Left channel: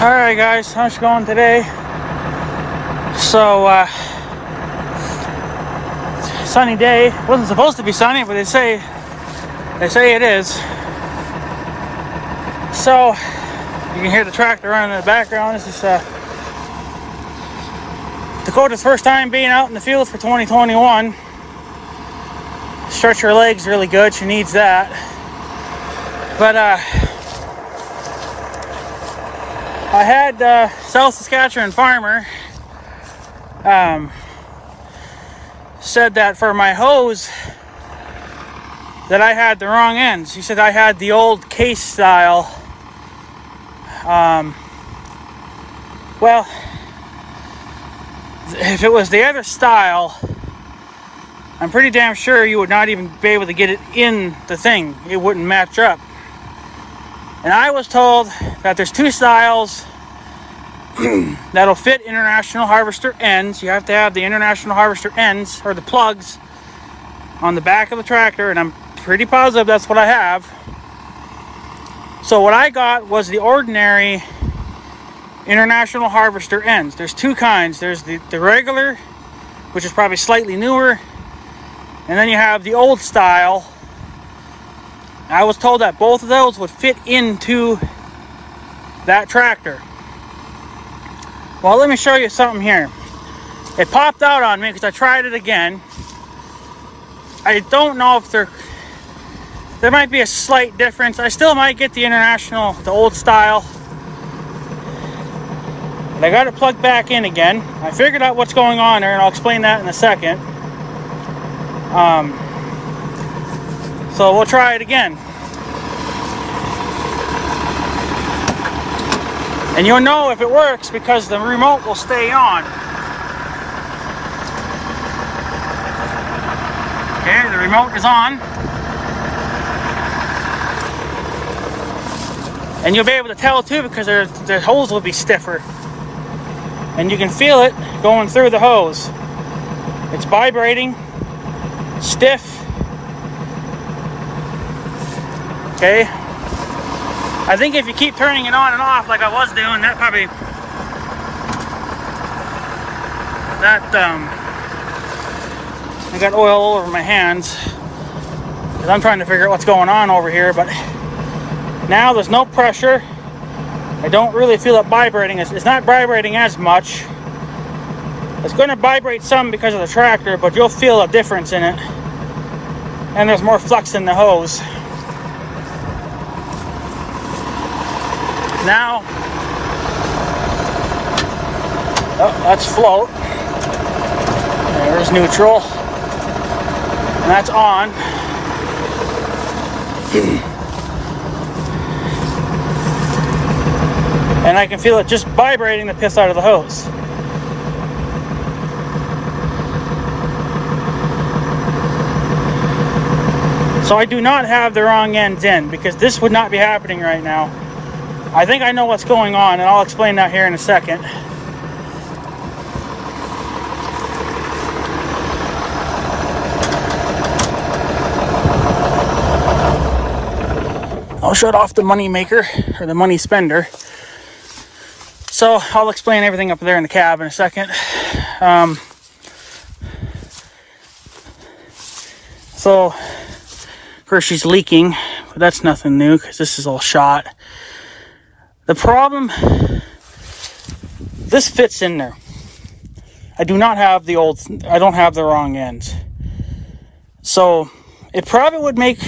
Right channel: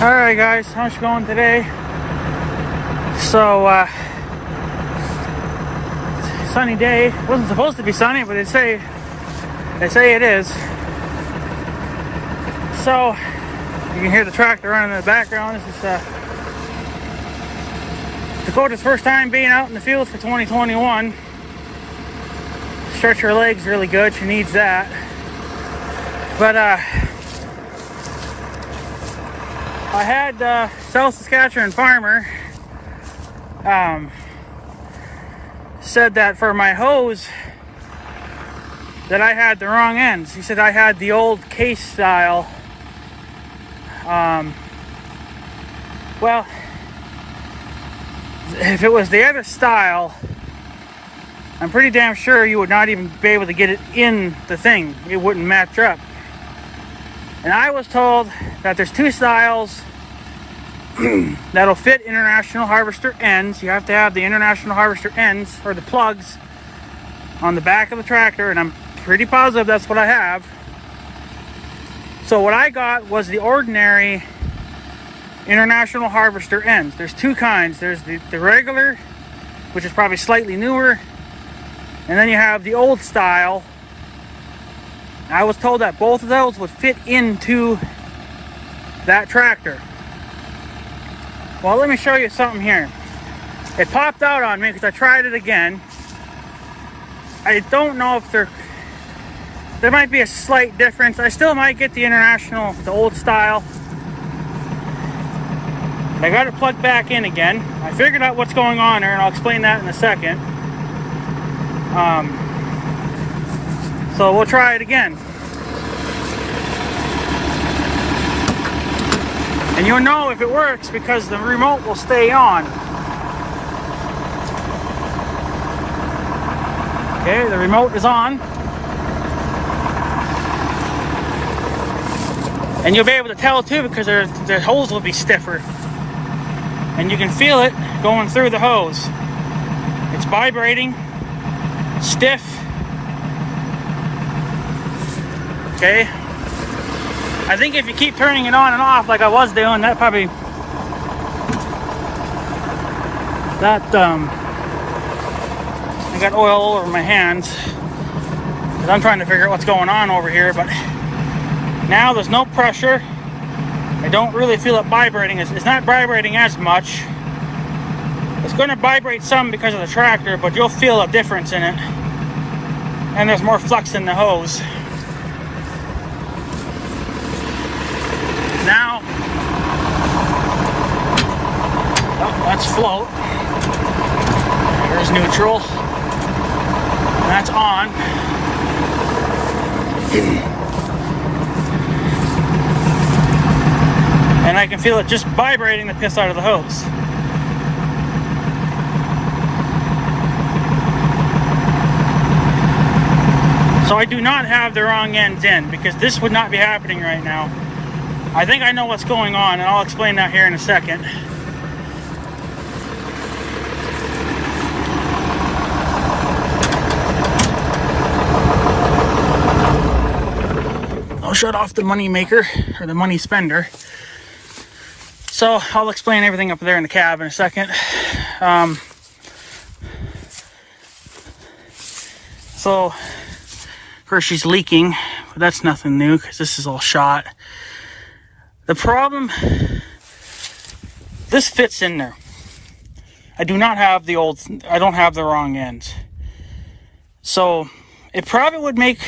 Alright guys, how's it going today? So, sunny day. Wasn't supposed to be sunny, but they say it is. So, you can hear the tractor running in the background. This is Dakota's first time being out in the field for 2021. Stretch her legs really good, she needs that. But I had South Saskatchewan farmer said that for my hose that I had the wrong ends. He said I had the old case style. Well, if it was the other style, I'm pretty damn sure you would not even be able to get it in the thing. It wouldn't match up. And I was told that there's two styles that'll fit International Harvester ends. You have to have the International Harvester ends, or the plugs, on the back of the tractor, and I'm pretty positive that's what I have. So what I got was the ordinary International Harvester ends. There's two kinds. There's the regular, which is probably slightly newer, and then you have the old style. I was told that both of those would fit into that tractor. Well, let me show you something here. It popped out on me because I tried it again. I don't know if there might be a slight difference. I still might get the International, the old style. But I got it plugged back in again. I figured out what's going on there, and I'll explain that in a second. So we'll try it again. And you'll know if it works because the remote will stay on. Okay, the remote is on. And you'll be able to tell too because the hose will be stiffer. And you can feel it going through the hose. It's vibrating, stiff. Okay. I think if you keep turning it on and off like I was doing, that probably, I got oil all over my hands because I'm trying to figure out what's going on over here. But now there's no pressure. I don't really feel it vibrating. It's not vibrating as much. It's going to vibrate some because of the tractor, but you'll feel a difference in it. And there's more flux in the hose. Now, oh, that's float. There's neutral. And that's on. And I can feel it just vibrating the piss out of the hose. So I do not have the wrong ends in because this would not be happening right now. I think I know what's going on, and I'll explain that here in a second. I'll shut off the money maker, or the money spender. So I'll explain everything up there in the cab in a second. So, of course she's leaking, but that's nothing new because this is all shot. The problem, this fits in there. I do not have the old, I don't have the wrong ends. So it probably would make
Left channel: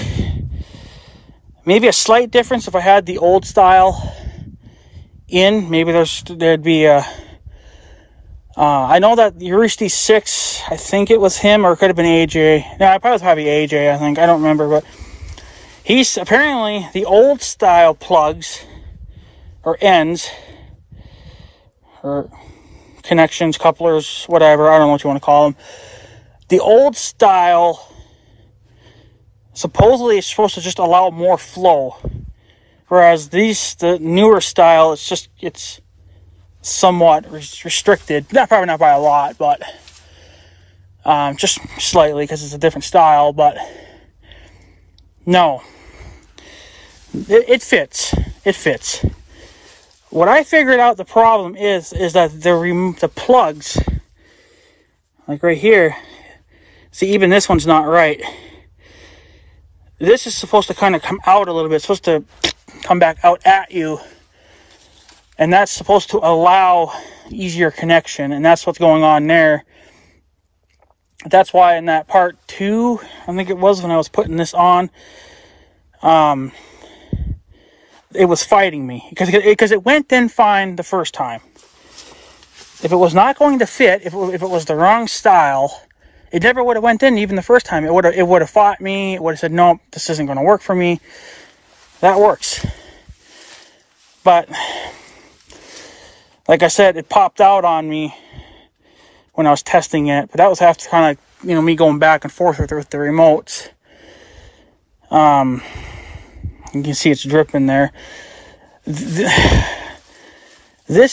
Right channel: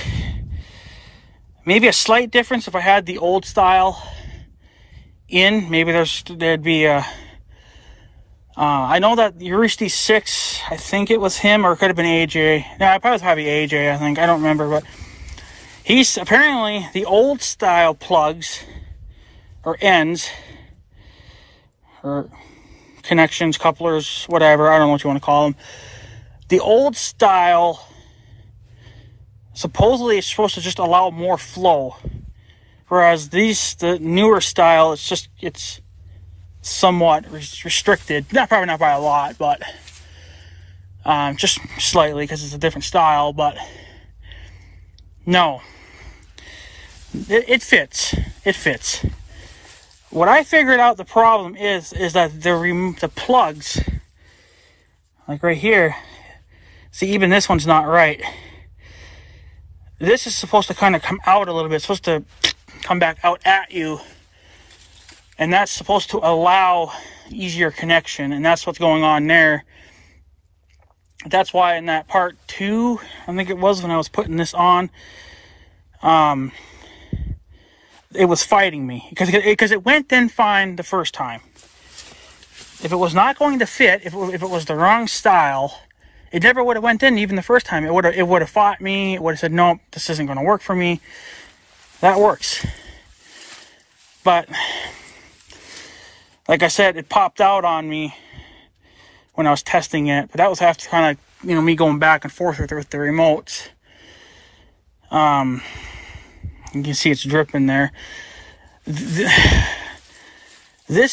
maybe a slight difference if I had the old style in. Maybe there'd be a, I know that Uristi 6, I think it was him, or it could have been AJ. No, I probably AJ, I think. I don't remember, but he's apparently the old style plugs, or ends, or connections, couplers, whatever, I don't know what you want to call them. The old style supposedly is supposed to just allow more flow, whereas the newer style, it's somewhat restricted. Probably not by a lot, but just slightly because it's a different style. But no, it fits. It fits. What I figured out the problem is that the plugs, like right here, see, even this one's not right. This is supposed to kind of come out a little bit. It's supposed to come back out at you. And that's supposed to allow easier connection. And that's what's going on there. That's why in that part 2, I think it was when I was putting this on, it was fighting me. Because it went in fine the first time. If it was not going to fit, if it was the wrong style, it never would have went in even the first time. It would have fought me. It would have said, nope, this isn't going to work for me. That works. But, like I said, it popped out on me when I was testing it. But that was after kind of, me going back and forth with the remotes. You can see it's dripping there. This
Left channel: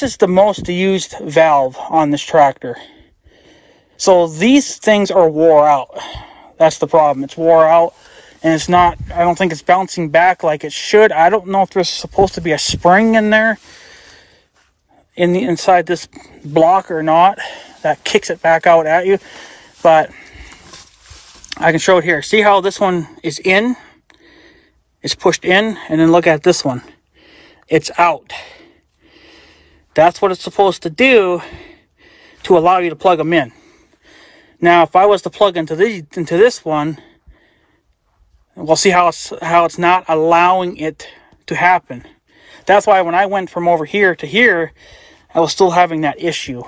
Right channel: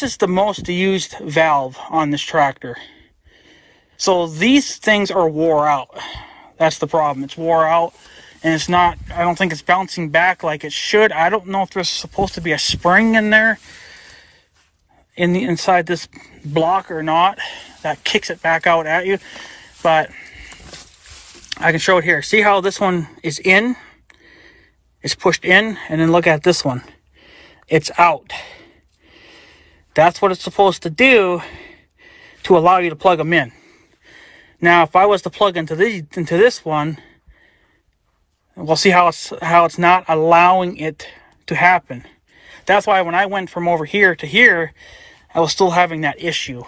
is the most used valve on this tractor. So these things are wore out. That's the problem. It's wore out, and it's not, I don't think it's bouncing back like it should. I don't know if there's supposed to be a spring in there inside this block or not that kicks it back out at you. But I can show it here. See how this one is in? It's pushed in, and then look at this one. It's out. That's what it's supposed to do to allow you to plug them in. Now, if I was to plug into this one, we'll see how it's not allowing it to happen. That's why when I went from over here to here, I was still having that issue.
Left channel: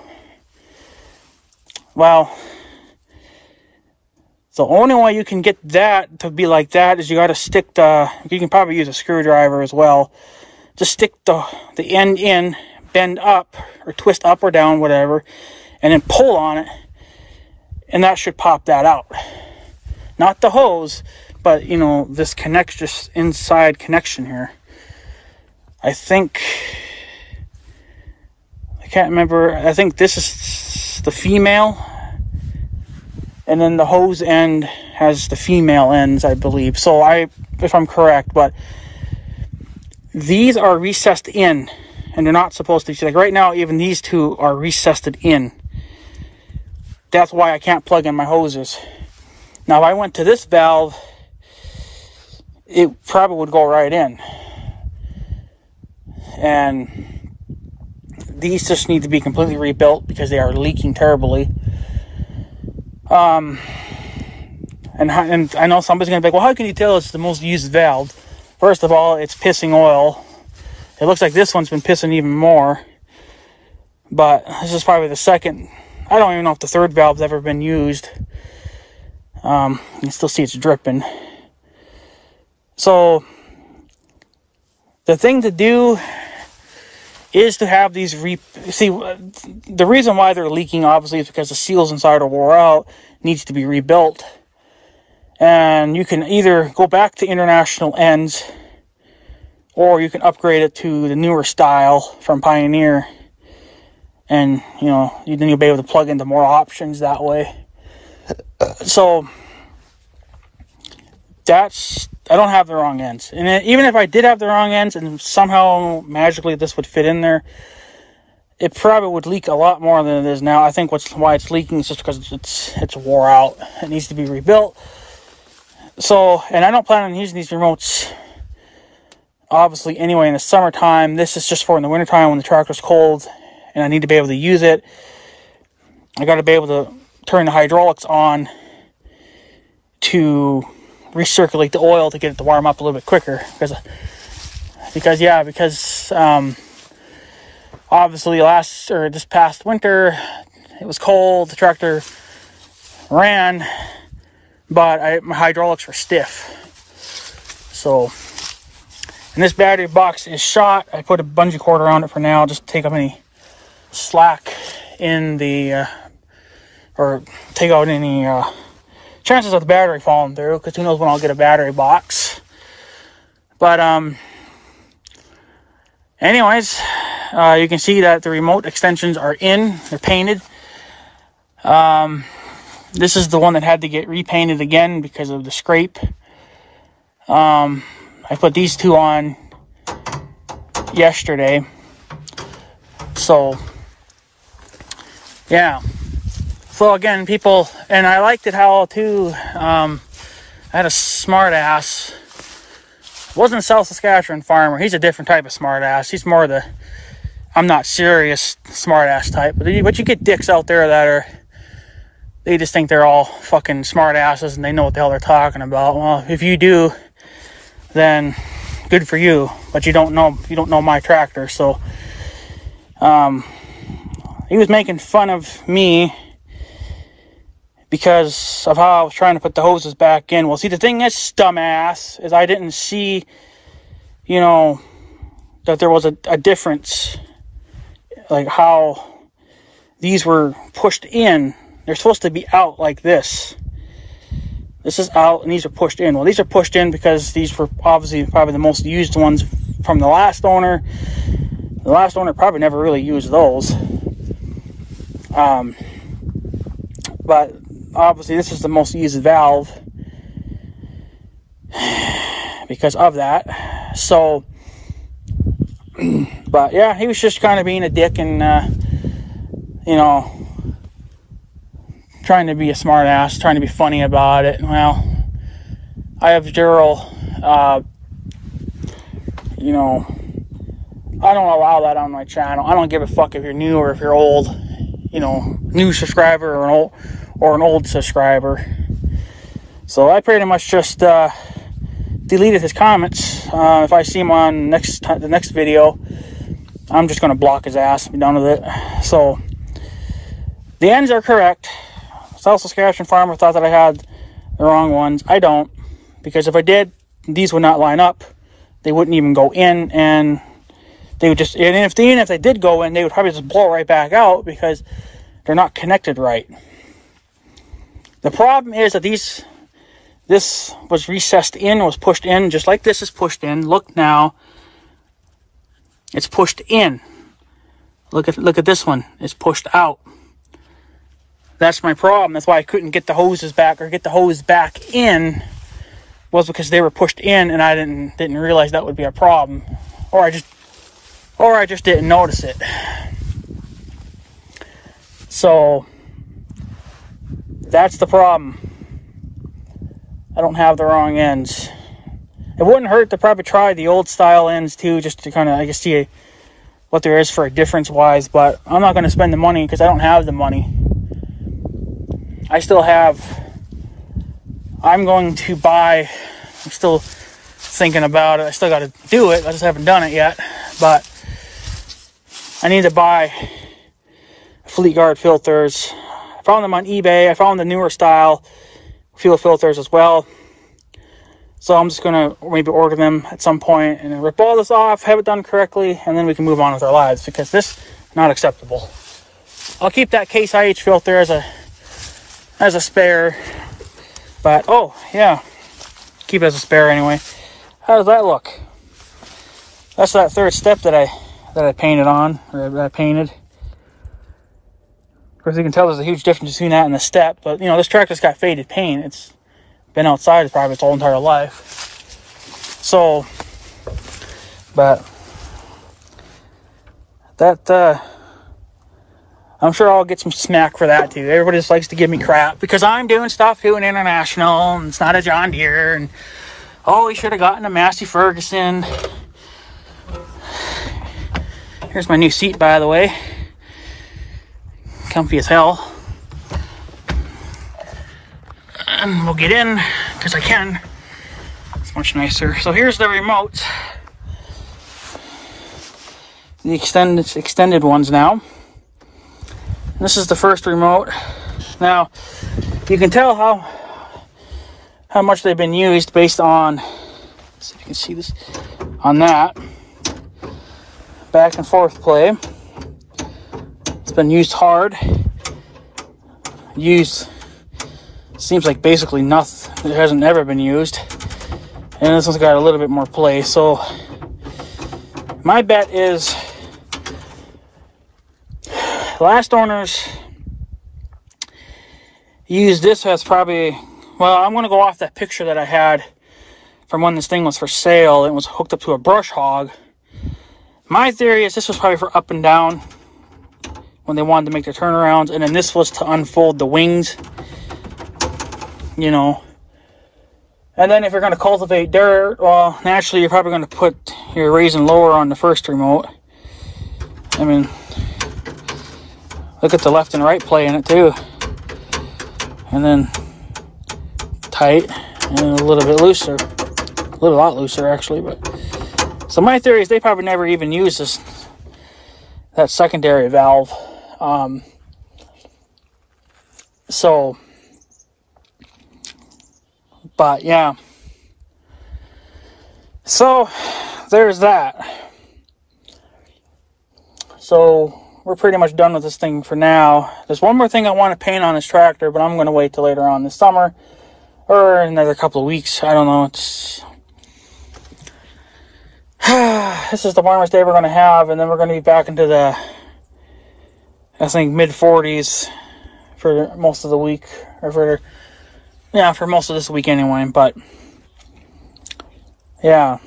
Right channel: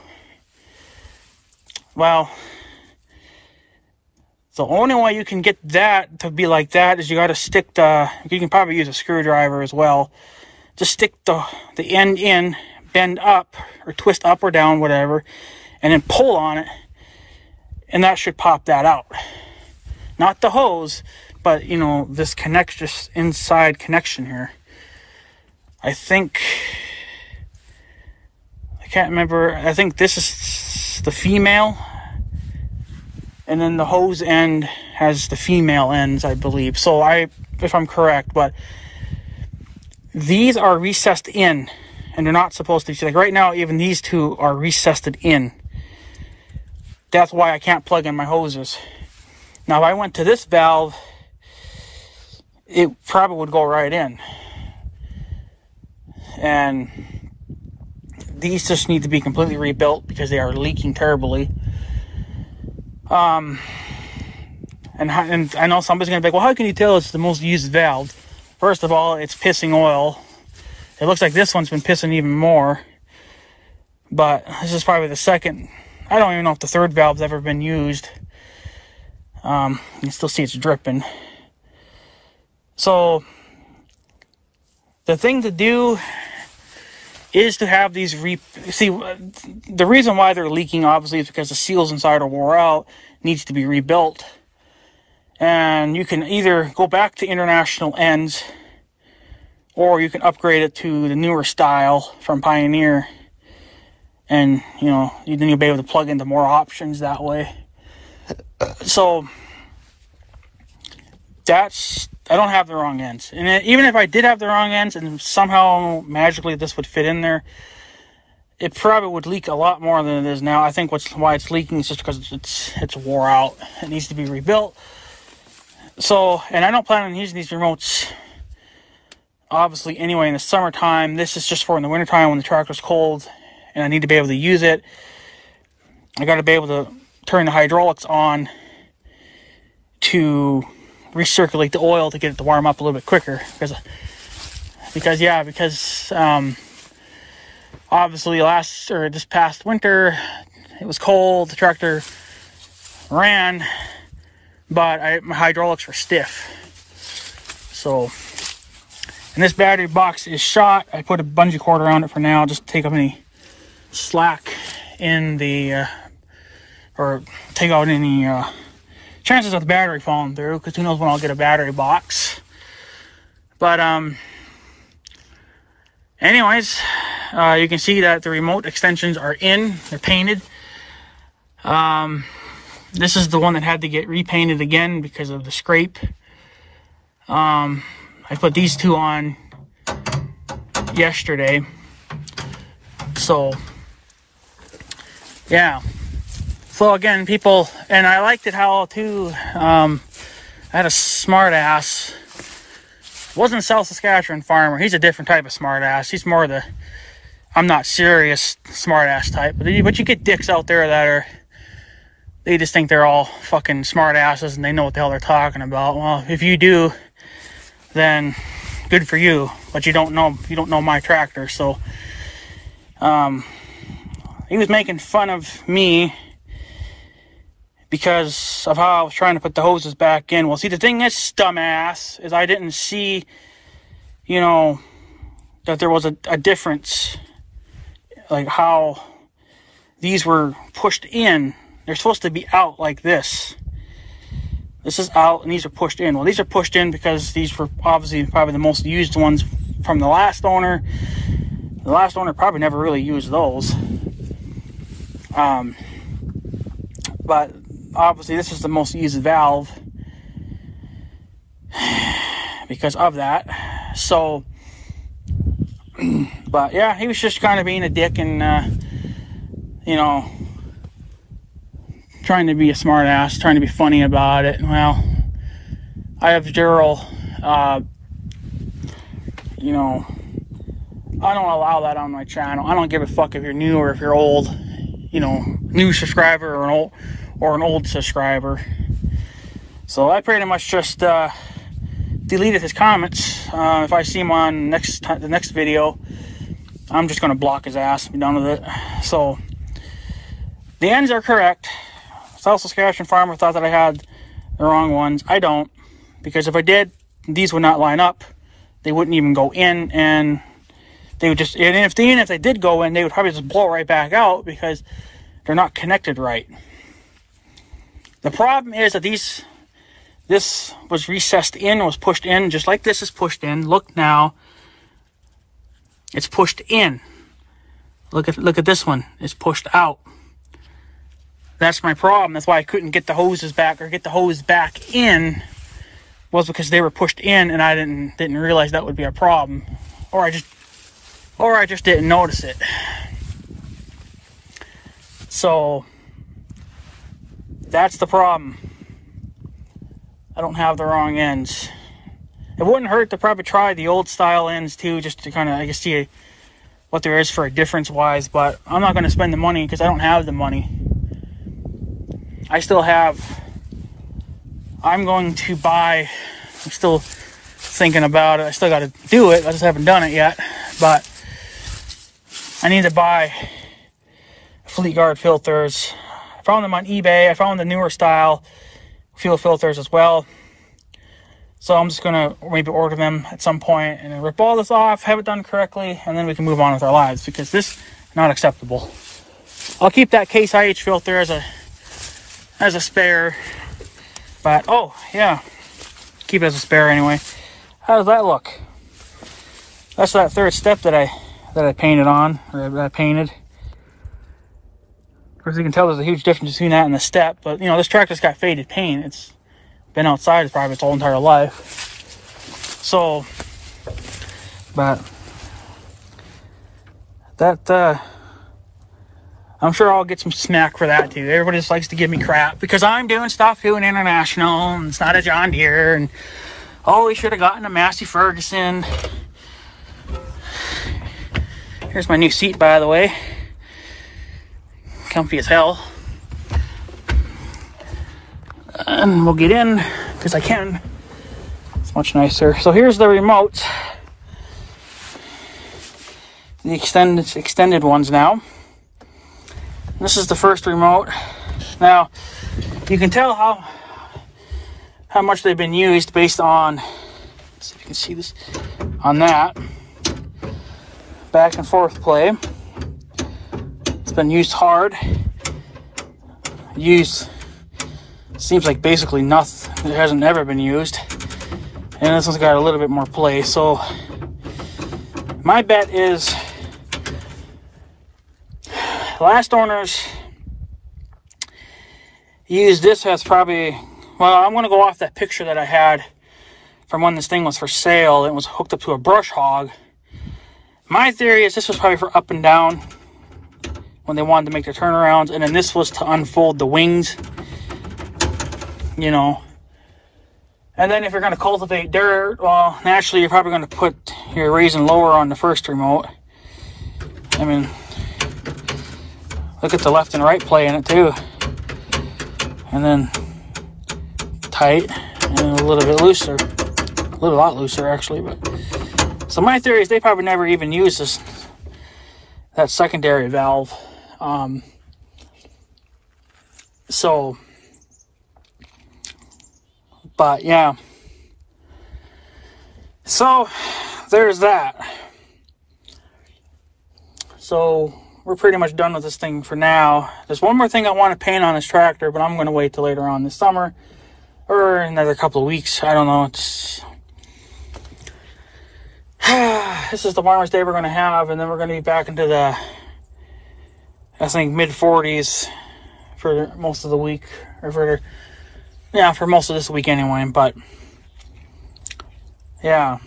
Well, the only way you can get that to be like that is you got to stick you can probably use a screwdriver as well. Just stick the end in, bend up, or twist up or down, whatever, and then pull on it. And that should pop that out. Not the hose, but, this this inside connection here. I can't remember. I think this is the female. And then the hose end has the female ends, I believe. So if I'm correct, but these are recessed in. And they're not supposed to be. Like right now, even these two are recessed in. That's why I can't plug in my hoses. Now, if I went to this valve, it probably would go right in. And these just need to be completely rebuilt because they are leaking terribly. And I know somebody's going to be like, well, how can you tell it's the most used valve? First of all, it's pissing oil. It looks like this one's been pissing even more. But this is probably the second. I don't even know if the third valve's ever been used. You can still see it's dripping. So, the thing to do is to have these see, the reason why they're leaking, obviously, is because the seals inside are wore out. Needs to be rebuilt. And you can either go back to international ends, or you can upgrade it to the newer style from Pioneer. And, then you'll be able to plug into more options that way. So, I don't have the wrong ends. And even if I did have the wrong ends, and somehow magically this would fit in there, it probably would leak a lot more than it is now. I think why it's leaking is just because it's wore out. It needs to be rebuilt. So, and I don't plan on using these remotes, obviously, anyway, in the summertime. This is just for in the wintertime when the tractor's cold and I need to be able to use it. I got to be able to turn the hydraulics on to recirculate the oil to get it to warm up a little bit quicker. Because obviously this past winter, it was cold, the tractor ran, but my hydraulics were stiff. So, and this battery box is shot. I put a bungee cord around it for now, just to take up any slack in the, or take out any chances of the battery falling through, because who knows when I'll get a battery box. But, anyways, you can see that the remote extensions are in. They're painted. This is the one that had to get repainted again because of the scrape. I put these two on yesterday. So, yeah. So again, people, and I liked it how too, I had a smart ass. Wasn't a South Saskatchewan farmer. He's a different type of smart ass. He's more the, I'm not serious smart ass type. But you get dicks out there that are, they just think they're all fucking smart asses and they know what the hell they're talking about. Well, if you do, then good for you. But you don't know my tractor. So, he was making fun of me because of how I was trying to put the hoses back in. Well, see, the thing is, dumbass, is I didn't see, you know, that there was a difference, like how these were pushed in. They're supposed to be out like this. This is out, and these are pushed in. Well, these are pushed in because these were obviously probably the most used ones from the last owner. The last owner probably never really used those. But obviously this is the most used valve because of that. So, but yeah, he was just kind of being a dick and, you know, trying to be a smart ass, trying to be funny about it. Well, I have zero, you know, I don't allow that on my channel. I don't give a fuck if you're new or if you're old, you know, new subscriber or an old subscriber. So I pretty much just deleted his comments. If I see him on the next video, I'm just going to block his ass and be done with it. So the ends are correct. South Saskatchewan farmer thought that I had the wrong ones. I don't, because if I did, these would not line up. They wouldn't even go in, and they would just, and even if they did go in, they would probably just blow right back out because they're not connected right. The problem is that this was recessed in, was pushed in, just like this is pushed in. Look now, it's pushed in. Look at this one, it's pushed out. That's my problem. That's why I couldn't get the hoses back or get the hose back in, was because they were pushed in and I didn't realize that would be a problem. Or I just didn't notice it. So that's the problem. I don't have the wrong ends. It wouldn't hurt to probably try the old style ends too, just to kind of, I guess, see what there is for a difference wise, but I'm not going to spend the money because I don't have the money. I'm going to buy, I'm still thinking about it. I still got to do it. I just haven't done it yet, but I need to buy Fleetguard filters. I found them on eBay. I found the newer style fuel filters as well. So I'm just going to maybe order them at some point and rip all this off, have it done correctly, and then we can move on with our lives, because this is not acceptable. I'll keep that Case IH filter as a spare, but oh yeah, keep it as a spare anyway. How does that look? That's that third step that I painted on, or that I painted. Of course, you can tell there's a huge difference between that and the step, but you know, this tractor's got faded paint. It's been outside probably its whole entire life. So, but that, I'm sure I'll get some smack for that too. Everybody just likes to give me crap because I'm doing stuff doing international and it's not a John Deere, and oh, we should have gotten a Massey Ferguson. Here's my new seat, by the way. Comfy as hell. And we'll get in because I can. It's much nicer. So here's the remote. The extended ones now. This is the first remote. Now, you can tell how much they've been used based on, so you can see this, on that back and forth play. It's been used hard. Seems like basically nothing. It hasn't ever been used. And this one's got a little bit more play. So my bet is last owners used this as probably, well, I'm going to go off that picture that I had from when this thing was for sale. It was hooked up to a brush hog. My theory is this was probably for up and down, when they wanted to make their turnarounds. And then this was to unfold the wings, you know. And then if you're going to cultivate dirt, well, naturally you're probably going to put your raise and lower on the first remote. I mean, look at the left and right play in it too. And then tight and a little bit looser. A lot looser actually, but so my theory is they probably never even used that secondary valve. But yeah, so there's that. So we're pretty much done with this thing for now. There's one more thing I want to paint on this tractor, but I'm going to wait till later on this summer or another couple of weeks. I don't know. This is the warmest day we're going to have, and then we're going to be back into the, I think, mid-40s for most of the week, or for most of this week anyway. But yeah,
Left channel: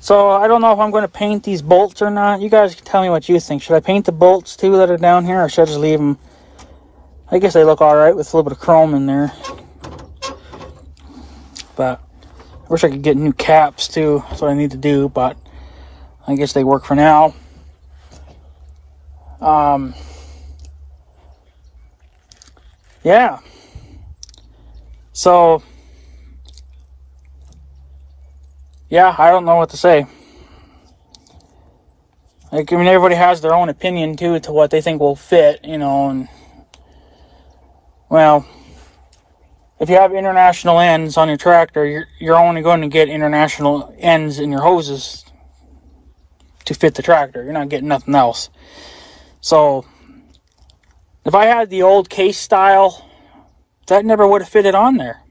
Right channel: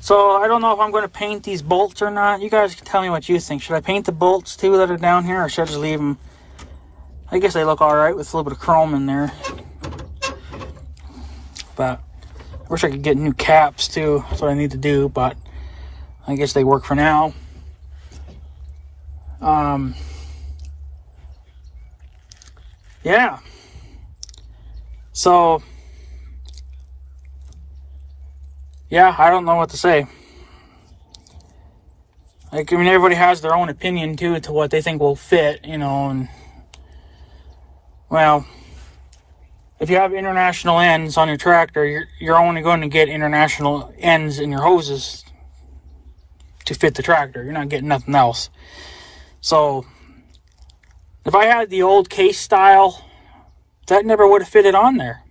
so I don't know if I'm going to paint these bolts or not. You guys can tell me what you think. Should I paint the bolts too that are down here, or should I just leave them? I guess they look all right with a little bit of chrome in there, but I wish I could get new caps too. That's what I need to do, but I guess they work for now. Yeah. So, yeah, I don't know what to say. Like, I mean, everybody has their own opinion too to what they think will fit, you know, and well, if you have international ends on your tractor, you're only going to get international ends in your hoses to fit the tractor. You're not getting nothing else. So, if I had the old case style, that never would have fitted on there.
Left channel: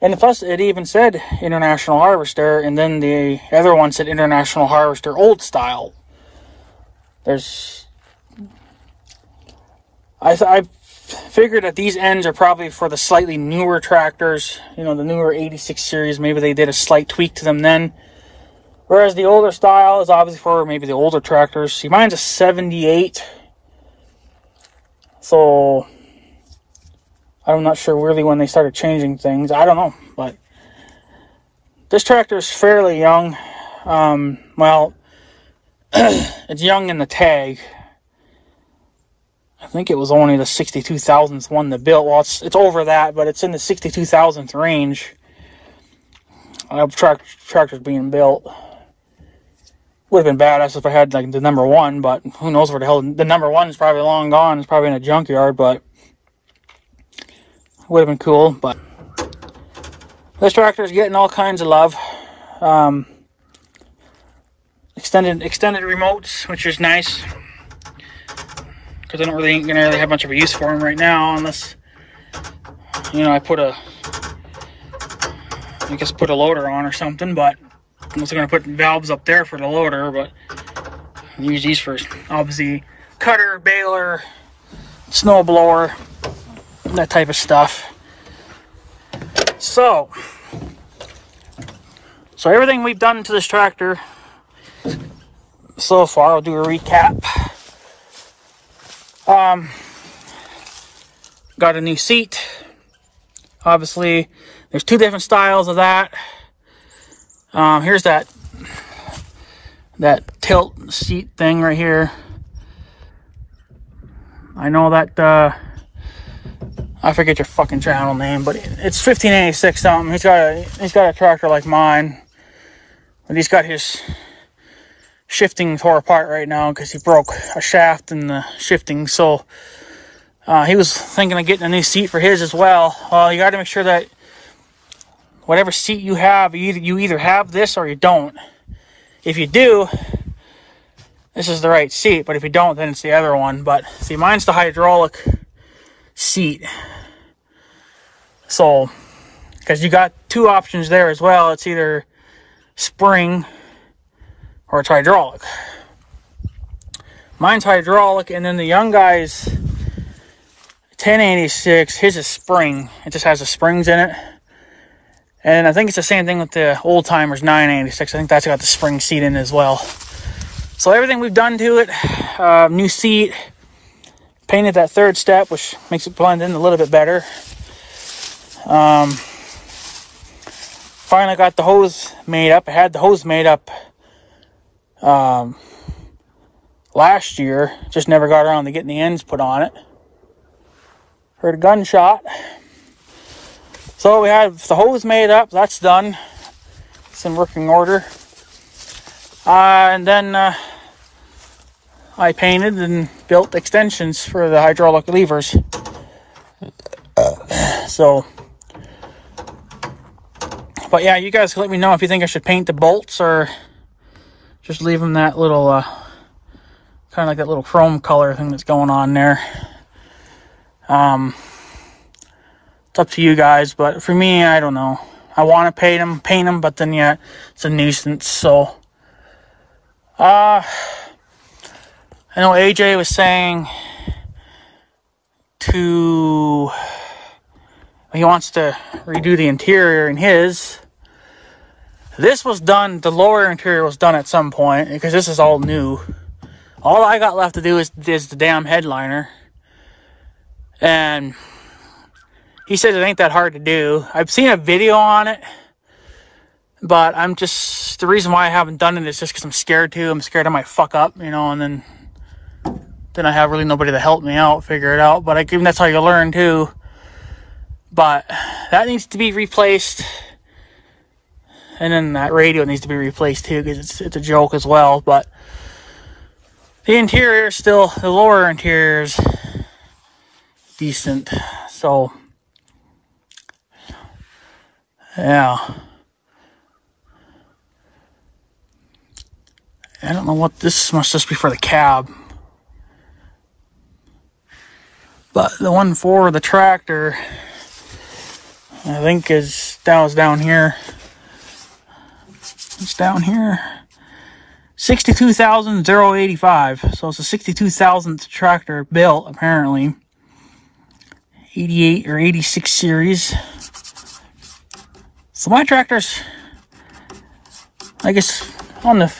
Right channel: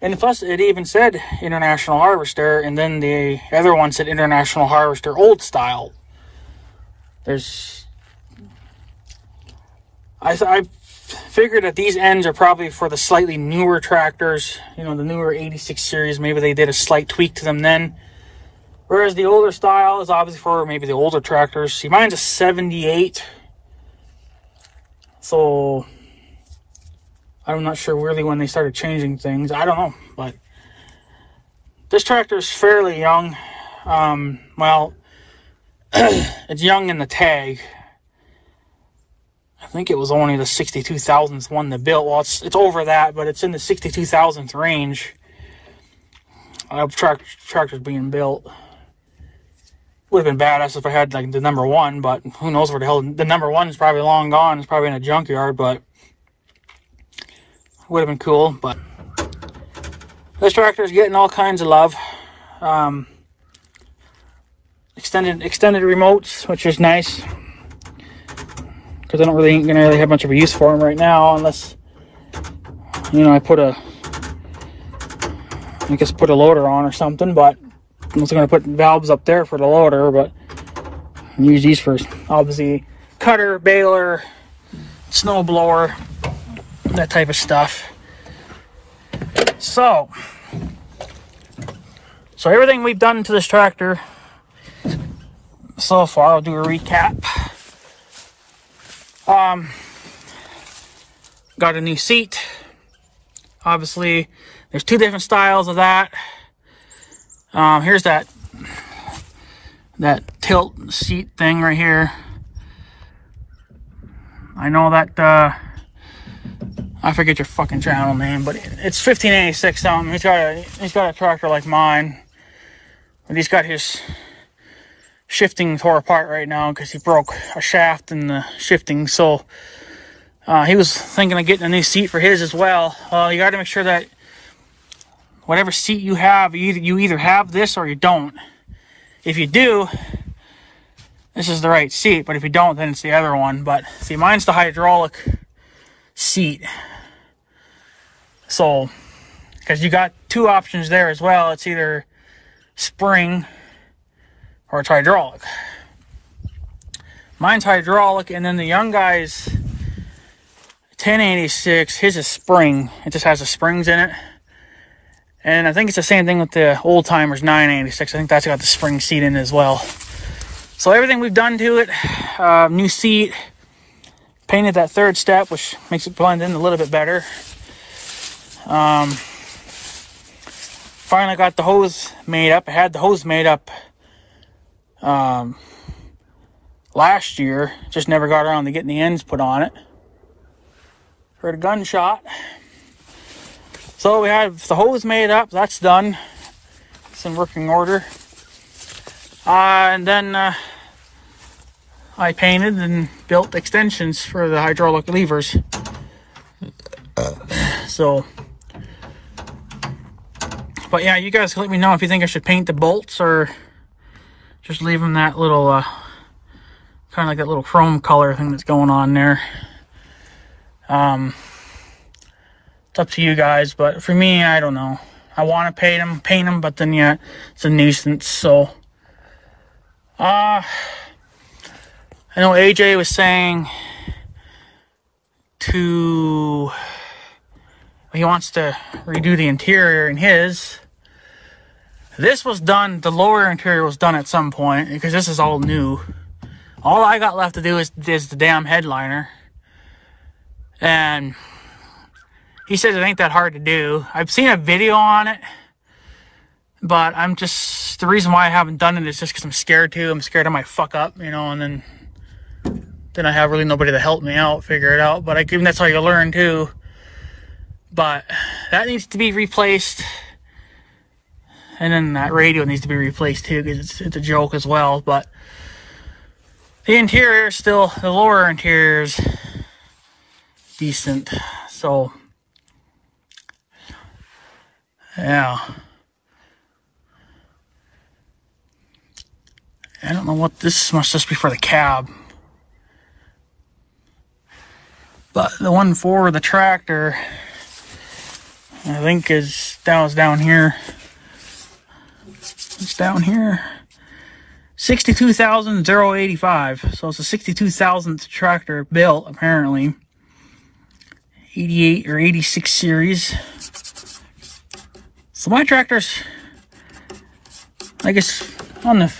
And plus, it even said International Harvester, and then the other one said International Harvester Old Style. I figured that these ends are probably for the slightly newer tractors, you know, the newer 86 series. Maybe they did a slight tweak to them then. Whereas the older style is obviously for maybe the older tractors. See, mine's a 78. So, I'm not sure really when they started changing things. I don't know, but this tractor is fairly young. Well, it's young in the tag. I think it was only the 62,000th one they built. Well, it's over that, but it's in the 62,000th range of tractors being built. Would have been badass if I had like the number one, but who knows where the hell the number one is. Probably long gone. It's probably in a junkyard, but would have been cool. But this tractor is getting all kinds of love. Extended remotes, which is nice, because I don't really ain't gonna really have much of a use for them right now, unless, you know, I put a loader on or something. But I'm also gonna put valves up there for the loader, but use these for obviously cutter, baler, snow blower, that type of stuff. So everything we've done to this tractor so far, I'll do a recap. Got a new seat. Obviously, there's two different styles of that. Here's that tilt seat thing right here. I know that, I forget your fucking channel name, but it's 1586 something. He's got a tractor like mine, but he's got his shifting tore apart right now because he broke a shaft in the shifting. So he was thinking of getting a new seat for his as well. Well, you got to make sure that whatever seat you have, you either have this or you don't. If you do, this is the right seat, but if you don't, then it's the other one. But see, mine's the hydraulic seat. So, because you got two options there as well. It's either spring or it's hydraulic. Mine's hydraulic, and then the young guy's 1086, his is spring. It just has the springs in it. And I think it's the same thing with the old timers 986. I think that's got the spring seat in as well. So everything we've done to it, new seat, painted that third step, which makes it blend in a little bit better. Finally got the hose made up. I had the hose made up last year, just never got around to getting the ends put on it. For the gunshot. So we have the hose made up, that's done. It's in working order. And then I painted and built extensions for the hydraulic levers. But yeah, you guys can let me know if you think I should paint the bolts or just leave them that little, kind of like that little chrome color thing that's going on there. It's up to you guys, but for me, I don't know. I want to paint them, but then yeah, it's a nuisance. So, I know AJ was saying he wants to redo the interior in his. This was done, the lower interior was done at some point, because this is all new. All I got left to do is the damn headliner. And he says it ain't that hard to do. I've seen a video on it, but the reason why I haven't done it is just because I'm scared to. I'm scared I might fuck up, you know, and then I have really nobody to help me out, figure it out. But that's how you learn too. But that needs to be replaced. And then that radio needs to be replaced too, because it's a joke as well. But the interior is still, the lower interior is decent. So, yeah. I don't know what this must just be for the cab. But the one for the tractor, I think was down here. It's down here. 62,085. So it's a 62,000th tractor built, apparently. 88 or 86 series. So my tractor's, I guess, on the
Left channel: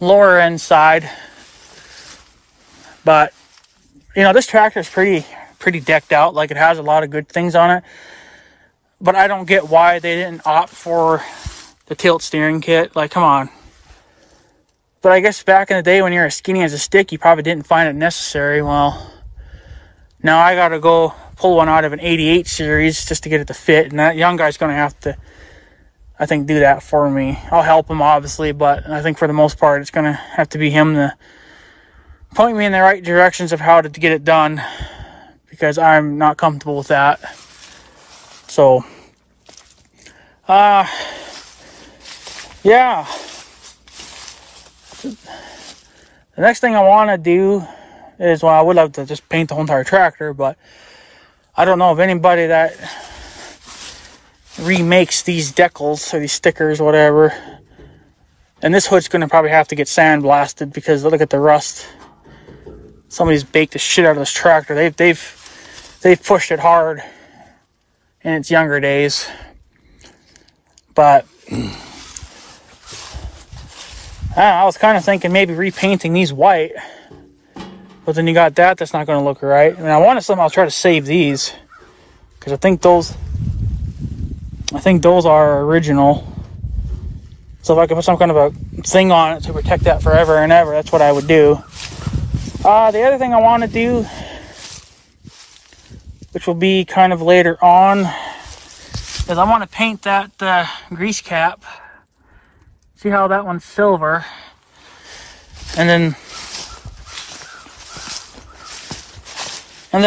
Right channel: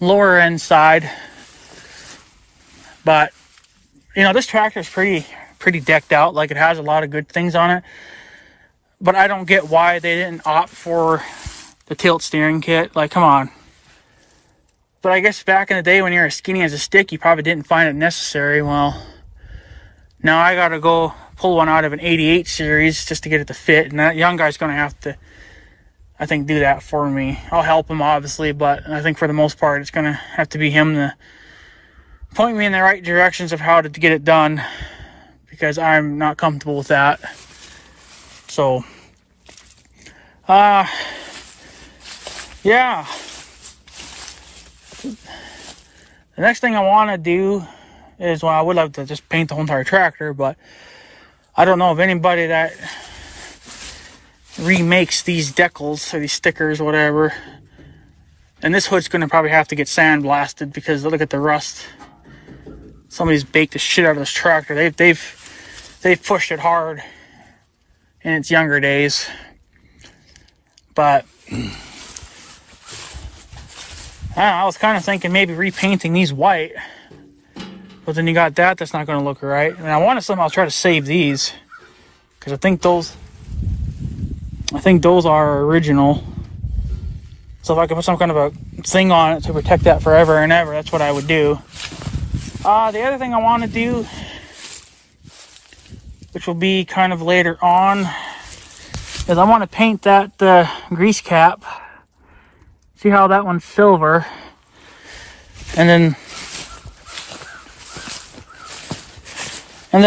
lower end side. But you know, this tractor is pretty decked out. Like, it has a lot of good things on it. But I don't get why they didn't opt for the tilt steering kit. Like, come on. But I guess back in the day when you're as skinny as a stick, you probably didn't find it necessary. Well, now I got to go pull one out of an 88 series just to get it to fit. And that young guy's going to have to, I think, do that for me. I'll help him, obviously. But I think for the most part, it's going to have to be him to point me in the right directions of how to get it done, because I'm not comfortable with that. So, yeah. The next thing I want to do is, well, I would love to just paint the whole entire tractor, but I don't know of anybody that remakes these decals or these stickers or whatever. And this hood's going to probably have to get sandblasted, because look at the rust. Somebody's baked the shit out of this tractor. They've pushed it hard in its younger days. But I was kind of thinking maybe repainting these white. But then you got that's not going to look right. And I want to somehow try to save these, because I think those are original. So if I could put some kind of a thing on it to protect that forever and ever, that's what I would do. The other thing I want to do, which will be kind of later on, is I want to paint that grease cap. See how that one's silver, and then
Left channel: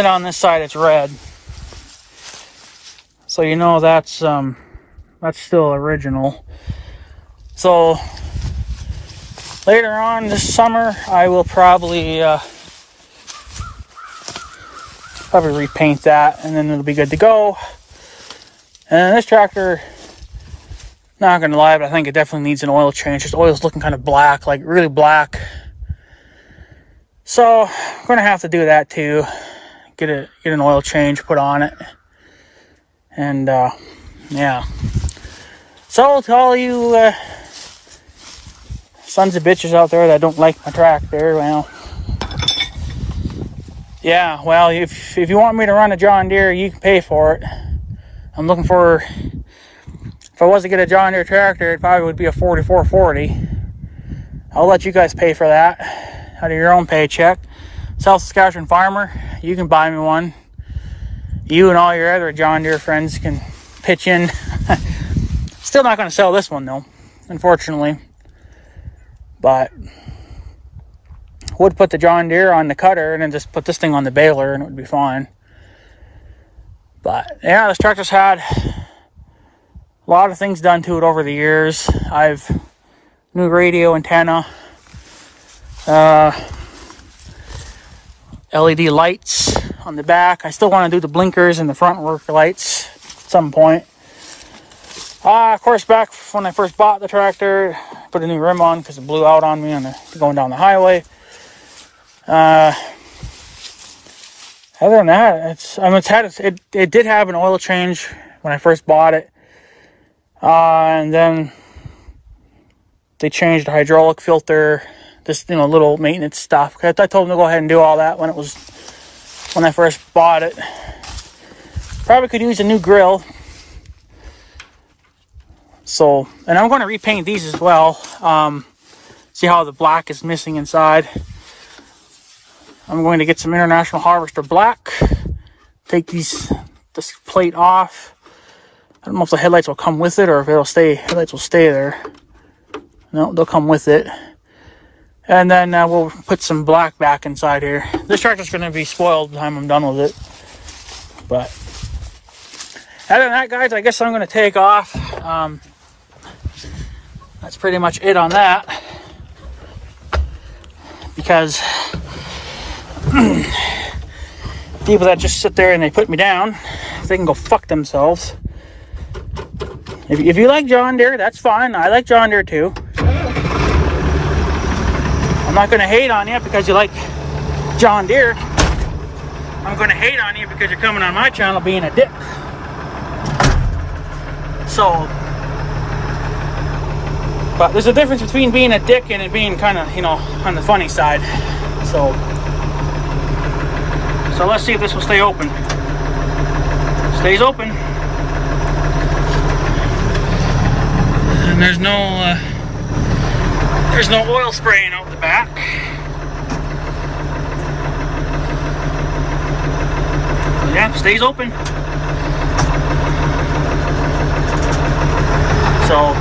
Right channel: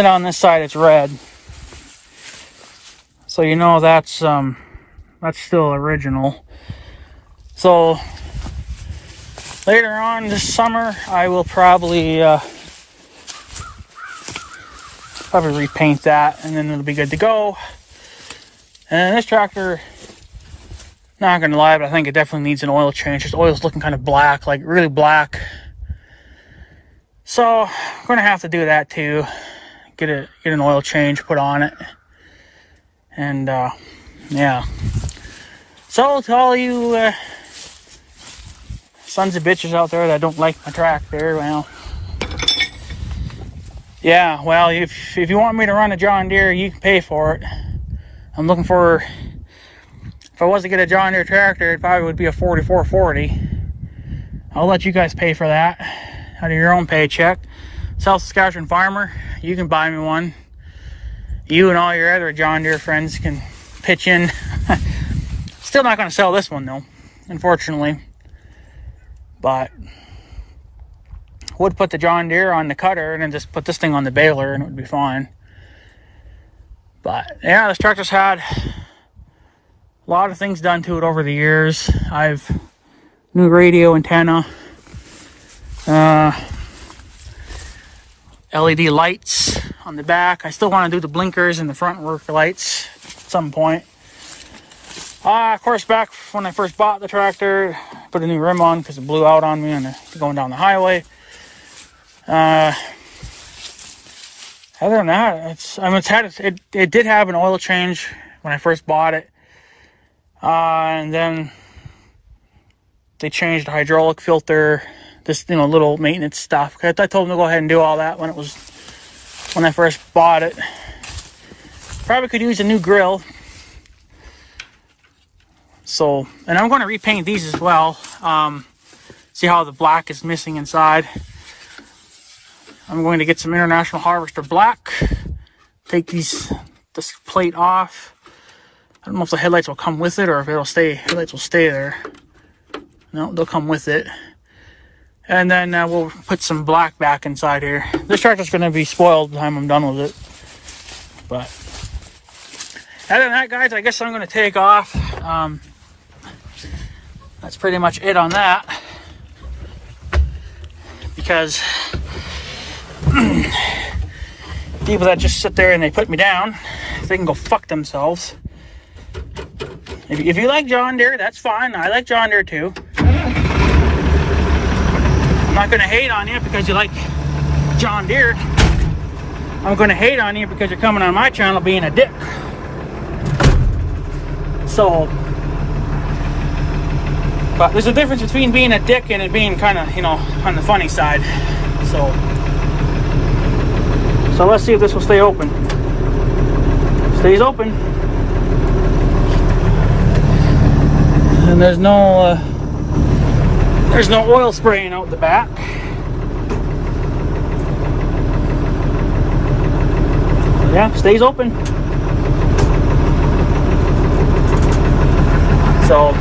on this side it's red. So you know that's still original. So later on this summer, I will probably repaint that, and then it'll be good to go. And this tractor, not gonna lie, but I think it definitely needs an oil change. This oil's looking kind of black, like really black. So I'm gonna have to do that too. Get an oil change put on it. And yeah. So to all you sons of bitches out there that don't like my tractor, well, yeah, well, if you want me to run a John Deere, you can pay for it. I'm looking for, if I was to get a John Deere tractor, it probably would be a 4440. I'll let you guys pay for that out of your own paycheck. South Saskatchewan farmer, you can buy me one. You and all your other John Deere friends can pitch in. Still not going to sell this one though, unfortunately. But would put the John Deere on the cutter and then just put this thing on the baler and it would be fine. But yeah, this tractor's had a lot of things done to it over the years. I've new radio antenna, LED lights on the back. I still want to do the blinkers and the front work lights at some point. Of course, back when I first bought the tractor, I put a new rim on because it blew out on me going down the highway. Other than that, it did have an oil change when I first bought it, and then they changed the hydraulic filter, this little maintenance stuff. I told them to go ahead and do all that when I first bought it. Probably could use a new grill. So, and I'm going to repaint these as well. See how the black is missing inside. I'm going to get some International Harvester black. Take this plate off. I don't know if the headlights will come with it or if headlights will stay there. No, they'll come with it. And then we'll put some black back inside here. This tractor's going to be spoiled by the time I'm done with it. But other than that, guys, I guess I'm going to take off. That's pretty much it on that. Because people that just sit there and they put me down, they can go fuck themselves. If you like John Deere, that's fine. I like John Deere too. I'm not going to hate on you because you like John Deere. I'm going to hate on you because you're coming on my channel being a dick. So, but there's a difference between being a dick and it being kind of, on the funny side. So let's see if this will stay open. Stays open. And there's no oil spraying out the back. Yeah, stays open. So,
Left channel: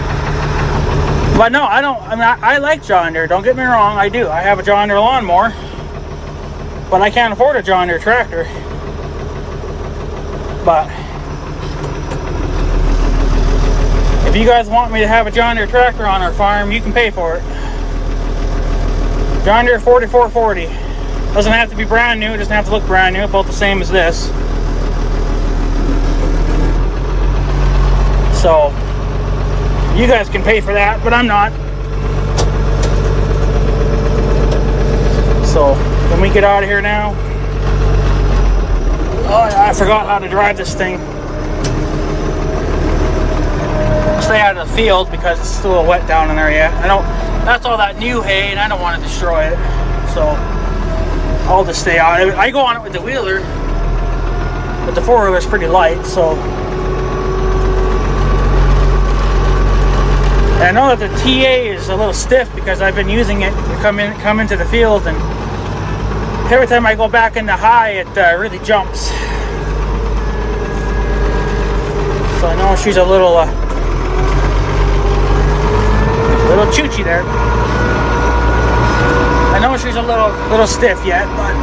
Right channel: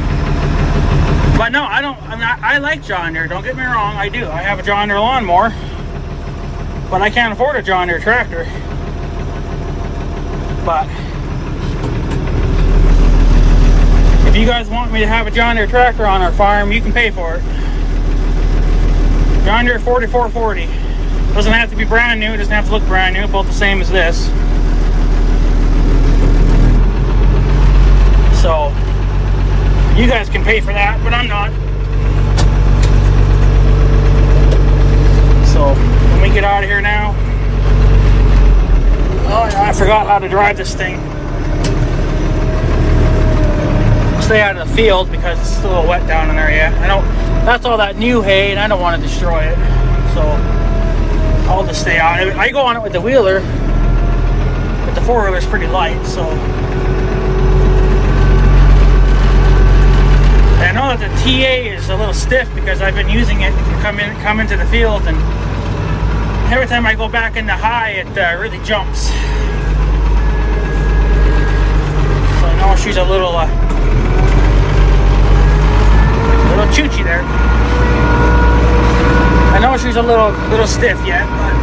but no, I like John Deere, don't get me wrong, I do. I have a John Deere lawnmower, but I can't afford a John Deere tractor. But if you guys want me to have a John Deere tractor on our farm, you can pay for it. John Deere 4440. Doesn't have to be brand new, it doesn't have to look brand new, about the same as this. So, you guys can pay for that, but I'm not. So, let me get out of here now. Oh yeah, I forgot how to drive this thing. Stay out of the field because it's still a little wet down in there yet. That's all that new hay and I don't want to destroy it. So, I'll just stay out. I go on it with the wheeler, but the four-wheeler is pretty light, so. And I know that the TA is a little stiff because I've been using it to come into the field, and every time I go back into high, it really jumps. So I know she's a little choochy there. I know she's a little stiff yet, but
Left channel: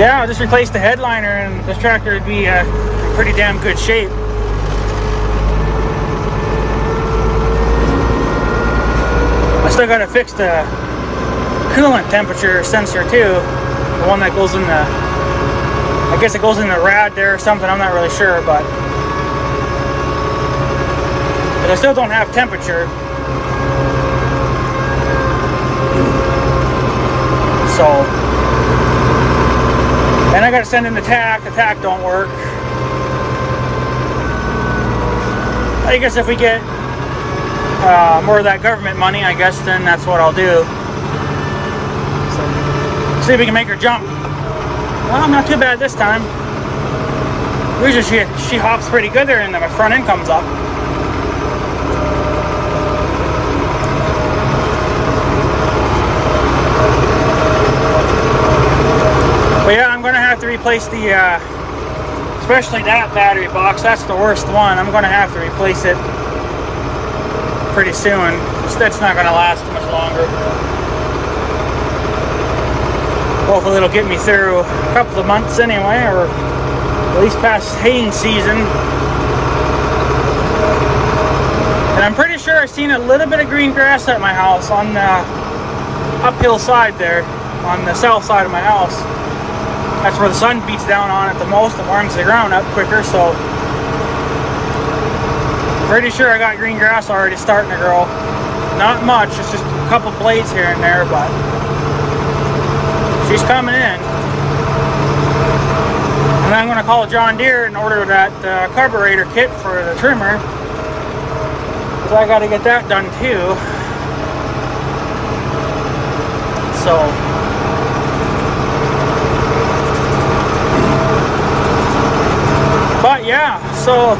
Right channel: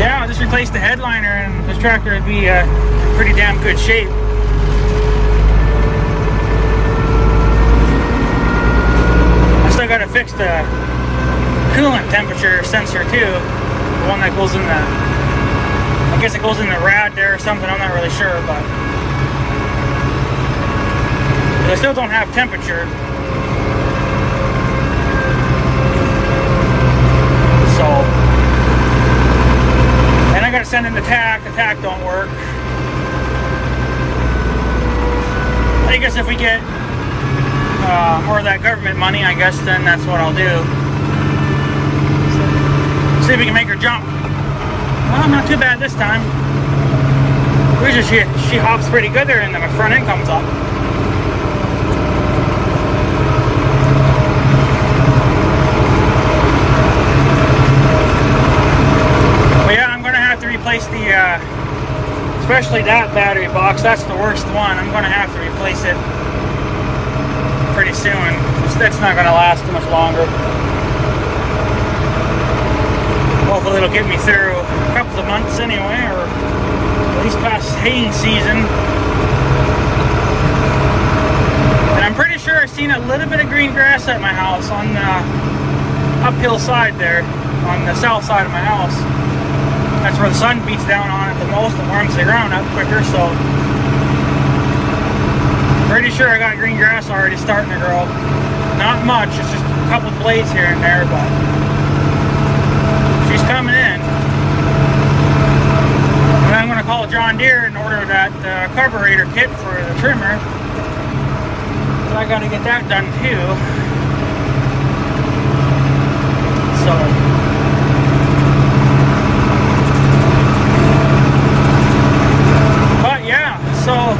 yeah, I'll just replace the headliner and this tractor would be in pretty damn good shape. I still got to fix the coolant temperature sensor too. The one that goes in the, I guess it goes in the rad there or something, I'm not really sure, but I still don't have temperature. So, and I gotta send in the tack don't work. I guess if we get more of that government money, I guess then that's what I'll do. So, see if we can make her jump. Well, not too bad this time. Usually she hops pretty good there, and then the front end comes up. But yeah, I'm gonna have to replace the, especially that battery box. That's the worst one. I'm gonna have to replace it pretty soon. That's not gonna last too much longer. Hopefully it'll get me through a couple of months anyway, or at least past haying season. And I'm pretty sure I've seen a little bit of green grass at my house on the uphill side there, on the south side of my house. That's where the sun beats down on it the most and warms the ground up quicker, so pretty sure I got green grass already starting to grow. Not much, it's just a couple blades here and there, but she's coming in. And then I'm going to call John Deere and order that carburetor kit for the trimmer. So I got to get that done too. So but yeah, so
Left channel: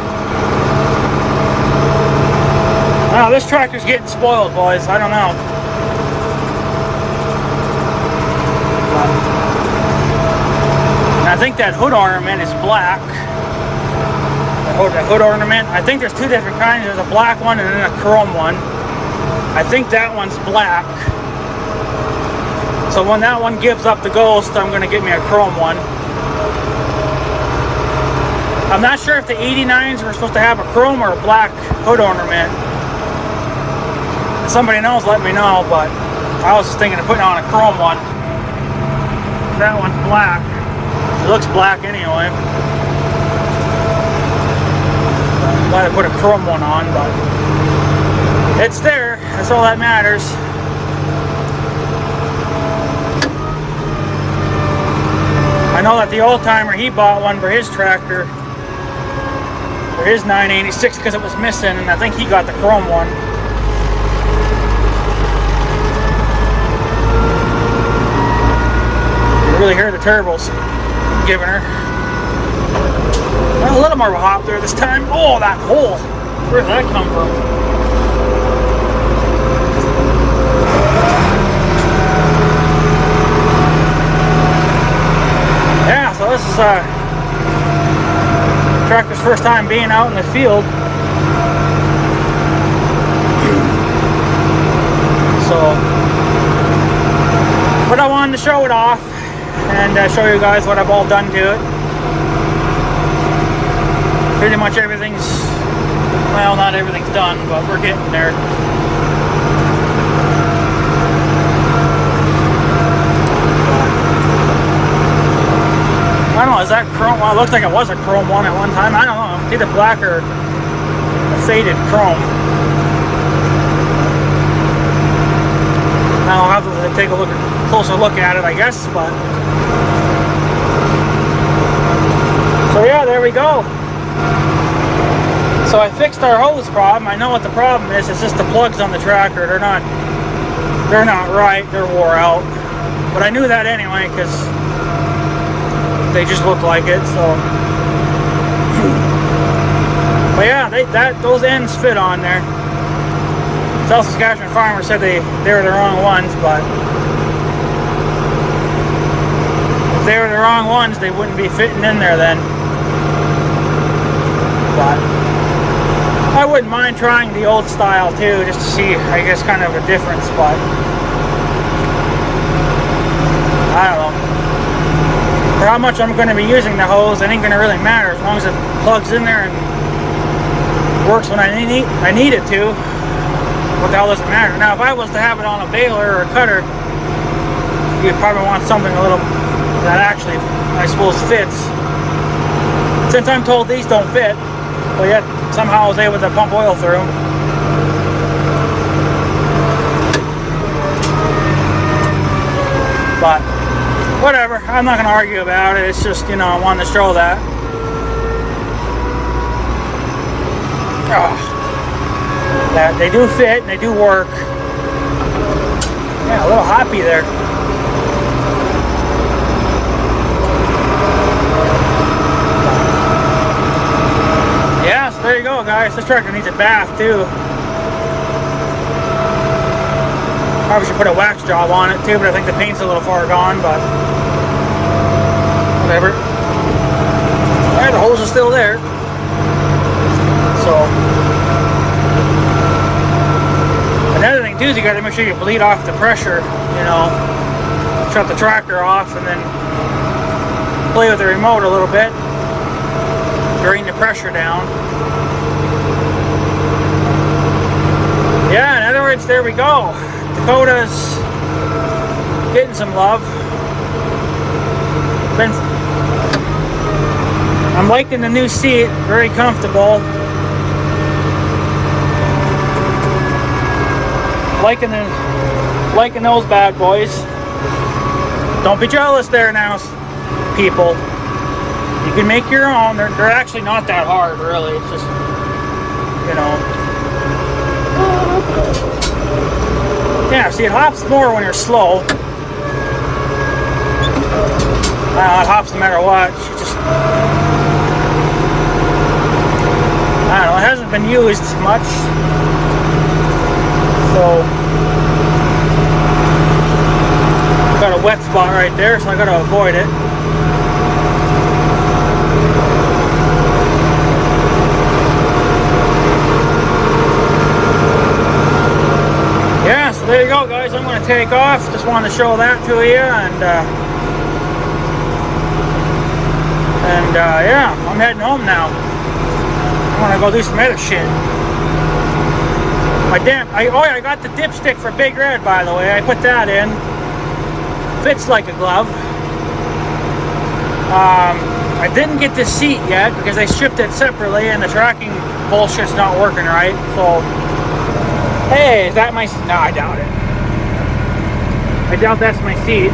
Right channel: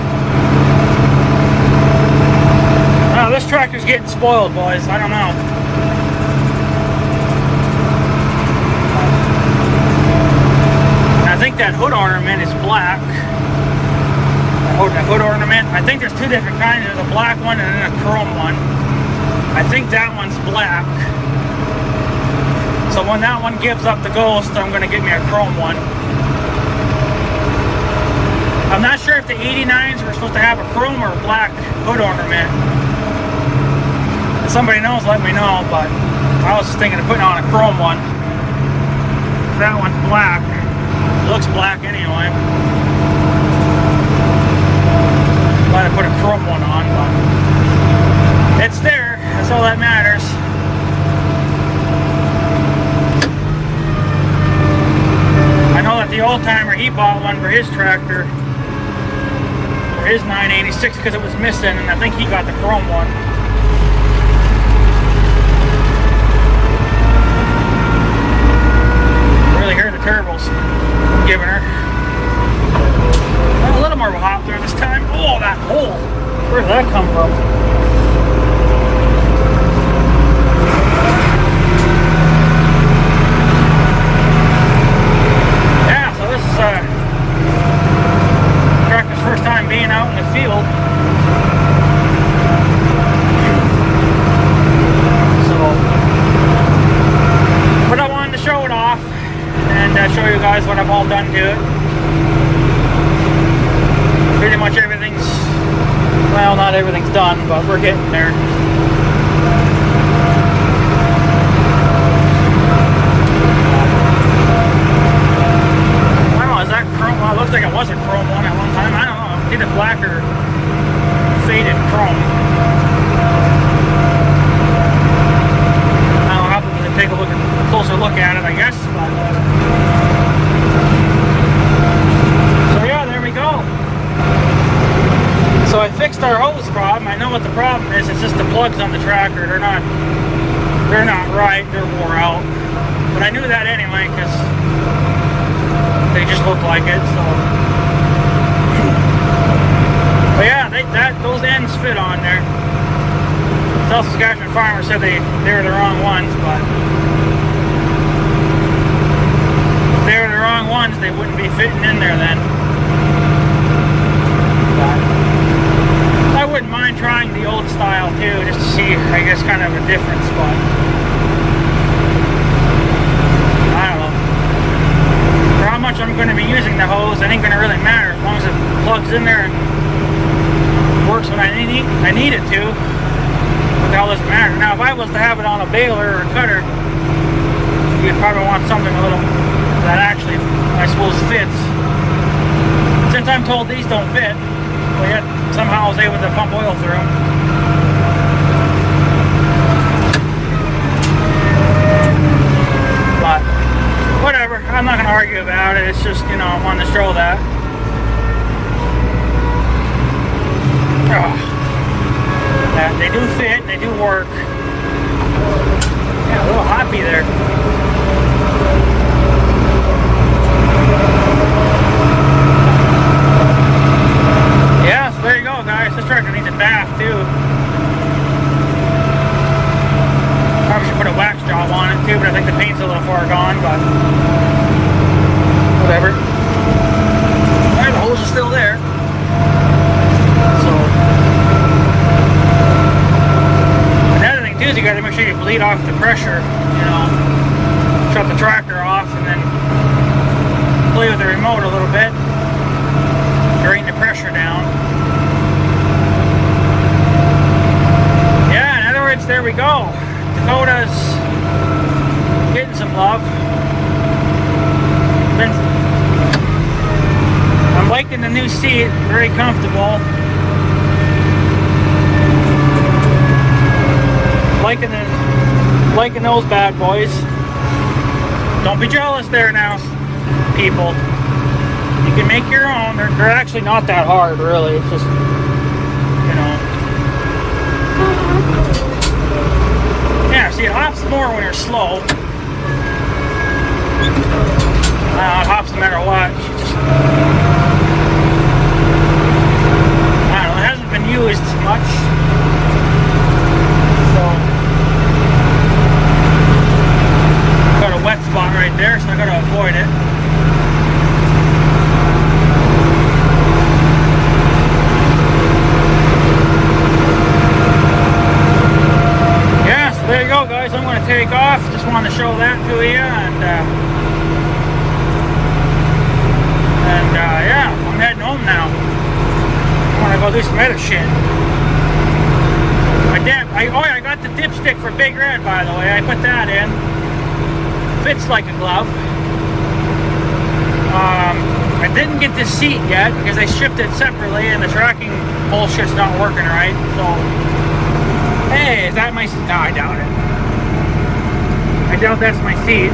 this tractor's getting spoiled, boys. I don't know. I think that hood ornament is black. That hood ornament. I think there's two different kinds. There's a black one and then a chrome one. I think that one's black. So when that one gives up the ghost, I'm going to get me a chrome one. I'm not sure if the 89s were supposed to have a chrome or a black hood ornament. If somebody knows, let me know, but I was just thinking of putting on a chrome one. That one's black. It looks black anyway. I'm glad I put a chrome one on, but it's there. That's all that matters. I know that the old timer, he bought one for his tractor, for his 986, because it was missing, and I think he got the chrome one. You really hear the turbos giving her. Well, a little more of a hop there this time. Oh, that hole! Where did that come from? Yeah, so this is tractor's first time being out in the field. So, but I wanted to show it off and show you guys what I've all done to it. Pretty much everything's, well, not everything's done, but we're getting there. I don't know, is that chrome? Well, it looks like it was a chrome one at one time. I don't know, it's either black or a faded chrome. I'll have to take a closer look at it, I guess, but so yeah, there we go. So I fixed our hose problem. I know what the problem is. It's just the plugs on the tractor. They're not right. They're wore out. But I knew that anyway because they just look like it. So, but yeah, those ends fit on there. South Saskatchewan farmer said they were the wrong ones, but if they were the wrong ones, they wouldn't be fitting in there then. But I wouldn't mind trying the old style too, just to see, I guess, kind of a difference, but I don't know. For how much I'm going to be using the hose, it ain't going to really matter as long as it plugs in there and works when I need it to. What the hell does it matter? Now, if I was to have it on a baler or a cutter, you'd probably want something a little that actually, I suppose, fits. Since I'm told these don't fit, but yet somehow I was able to pump oil through them. But whatever, I'm not going to argue about it. It's just, you know, I wanted to show that. Oh. They do fit, and they do work. Yeah, a little hoppy there. Yeah, so there you go, guys. This tractor needs a bath, too. Probably should put a wax job on it, too, but I think the paint's a little far gone, but whatever. Yeah, the hose is still there. So, another thing, too, is you got to make sure you bleed off the pressure, you know. Shut the tractor off and then play with the remote a little bit. Drain the pressure down. Yeah, in other words, there we go. Dakota's getting some love. I'm liking the new seat, very comfortable. Liking those bad boys. Don't be jealous there now, people. You can make your own. They're actually not that hard, really. It's just, you know. Yeah, see, it hops more when you're slow. It hops no matter what. Just, I don't know, it hasn't been used much. So, got a wet spot right there, so I gotta avoid it. So there you go, guys. I'm going to take off. Just wanted to show that to you, and yeah, I'm heading home now. I want to go do some edit shit. I got the dipstick for Big Red, by the way. I put that in. Fits like a glove. I didn't get this seat yet because I shipped it separately, and the tracking bullshit's not working right. So. Hey, is that my seat? No, I doubt it. I doubt that's my seat.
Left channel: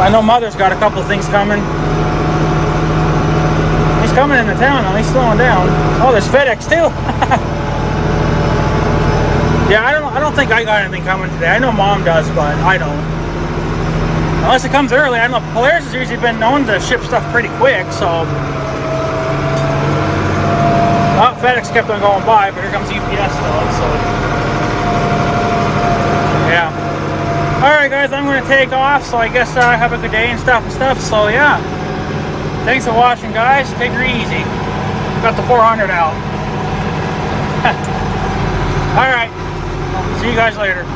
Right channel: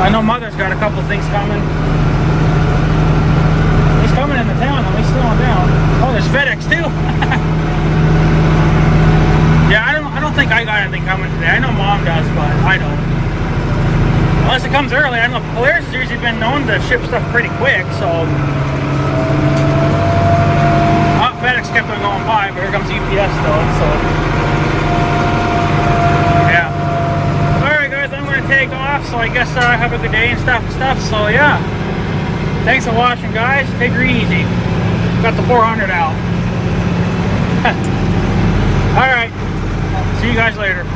I know Mother's got a couple things coming. He's coming into town now. He's slowing down. Oh, there's FedEx too. Yeah, I don't think I got anything coming today. I know Mom does, but I don't. Unless it comes early. I know Polaris has usually been known to ship stuff pretty quick, so. Well, FedEx kept on going by, but here comes UPS though, so. Alright guys, I'm going to take off, so I guess have a good day and stuff. So yeah, thanks for watching, guys. Take her easy. Got the 400 out. Alright, see you guys later.